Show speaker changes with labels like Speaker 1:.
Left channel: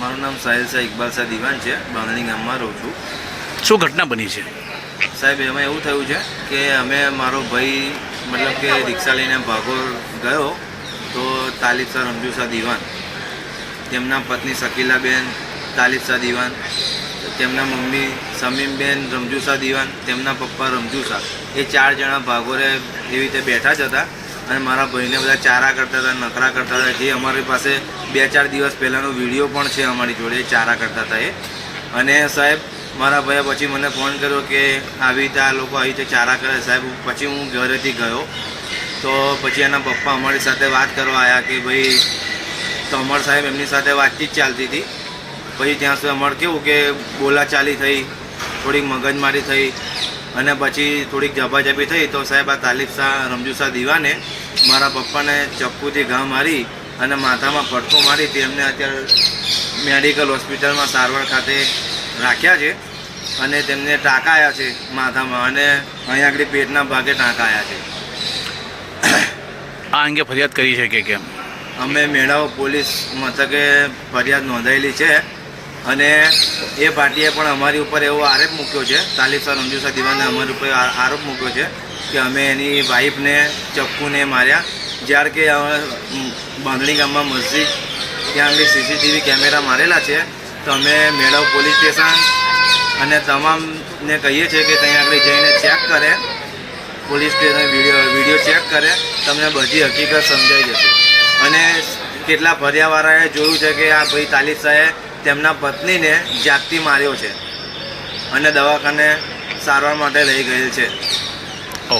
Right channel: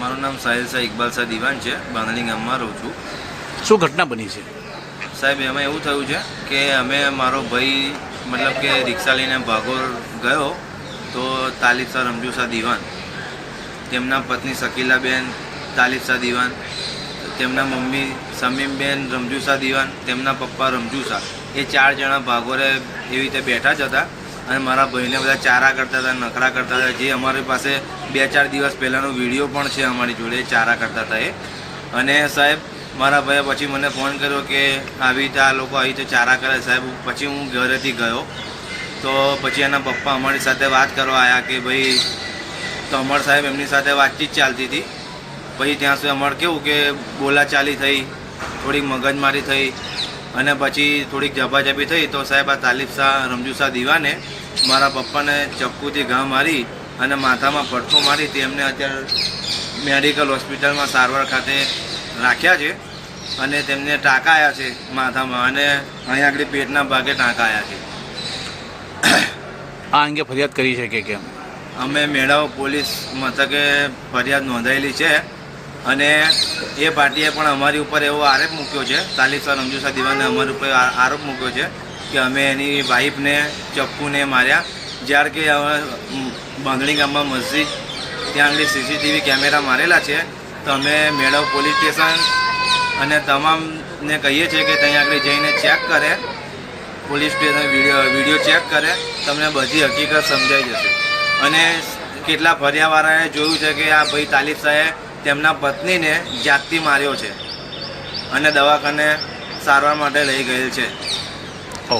Speaker 1: મારું નામ સાહિલ શાહ ઇકબાલ શાહ દિવાન છે. બાંધણી ગામમાં રહું છું.
Speaker 2: શું ઘટના બની છે?
Speaker 1: સાહેબ એમાં એવું થયું છે કે અમે મારો ભાઈ મતલબ કે રિક્ષા લઈને ભાગોર ગયો તો તાલિબ શાહ રમજુ શાહ દિવાન તેમના પત્ની શકીલાબેન તાલિબ શાહ દિવાન તેમના મમ્મી સમીમબેન રમજુ શાહ દિવાન તેમના પપ્પા રમજુ શાહ. એ ચાર જણા ભાગોરે એવી રીતે બેઠા જ હતા. અને મારા ભાઈને બધા ચારા કરતા હતા, નખરા કરતા હતા. જે અમારી પાસે બે ચાર દિવસ પહેલાંનો વીડિયો પણ છે અમારી જોડે ચારા કરતા હતા એ. અને સાહેબ, મારા ભાઈએ પછી મને ફોન કર્યો કે આવી રીતે આ લોકો આવી રીતે ચારા કરે. સાહેબ, પછી હું ઘરેથી ગયો. તો પછી એના પપ્પા અમારી સાથે વાત કરવા આવ્યા કે ભાઈ, તો અમર સાહેબ એમની સાથે વાતચીત ચાલતી હતી. પછી ત્યાં સુધી અમારે કેવું કે બોલાચાલી થઈ થોડીક મગજમારી થઈ. અને પછી થોડીક જબાજબી થઈ તો સાહેબ આ તાલીફ શાહ રમજુ શાહ દીવાને મારા પપ્પાને ચપ્પુથી ઘા મારી અને માથામાં પડખો મારી તેમને અત્યારે મેડિકલ હોસ્પિટલમાં સારવાર ખાતે રાખ્યા છે અને તેમને ટાંકા આવ્યા છે માથામાં અને અહીંયા આગળ પેટના ભાગે ટાંકા આવ્યા છે.
Speaker 2: આ અંગે ફરિયાદ કરી છે કે કેમ?
Speaker 1: અમે મેળાઓ પોલીસ મથકે ફરિયાદ નોંધાયેલી છે. અને એ પાર્ટીએ પણ અમારી ઉપર એવો આરોપ મૂક્યો છે તાલિબ સર રમજુ દિવાને અમારી ઉપર આરોપ મૂક્યો છે કે અમે એની વાઈફને, ચપ્પુને માર્યા. જ્યારે કે બાંધણી ગામમાં મસ્જિદ ત્યાં આગળ સીસીટીવી કેમેરા મારેલા છે, તો અમે મેળાવ પોલીસ સ્ટેશન અને તમામને કહીએ છીએ કે ત્યાં આગળ જઈને ચેક કરે. Police station video video check કરે, તમને બધી હકીકત સમજાઈ જશે. અને કેટલા ફરિયાવાળાએ જોયું છે કે આ ભાઈ તાલિબ શાહે તેમના પત્નીને જાગતી માર્યો છે અને દવાખાને સારવાર માટે લઈ ગયેલ છે.